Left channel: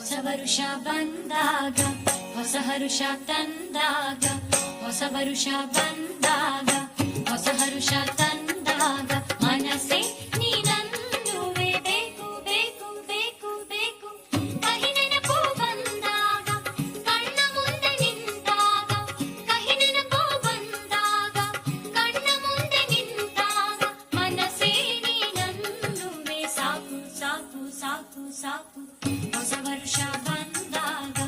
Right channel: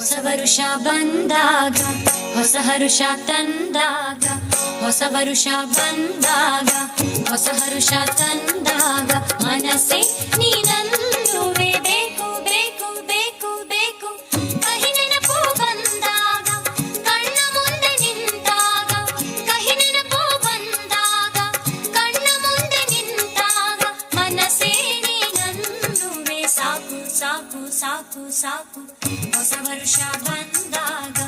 ಹೊಸ ವರುಷ ಬಂದಾಗ ಹೊಸ ಹರುಷ ತಂದಾಗ, ಹೊಸ ವರುಷ ಬಂದಾಗ ಹೊಸ ಹರುಷ ತಂದಾಗ, ಮನಸ್ಸೆ ನೀನಲ್ಲುವೆ ಬೇಕು ಬೇಕು ಬೇಕು ಬೇಕು. ಕಹಿ ನೆನಪು ಬಂದಾಗ ಕಣ್ಣ ಮುಂದೆ ನಿಂತಾಗ, ಕಹಿ ನೆನಪು ಬಂದಾಗ ಕಣ್ಣ ಮುಂದೆ ನಿಂತಾಗ, ಮನಸ್ಸೇ ನೀನಲ್ಲುವೆ ಸಾಕು ಸಾಕು ಸಾಕು ಸಾಕು. ಹೊಸ ವರುಷ ಬಂದಾಗ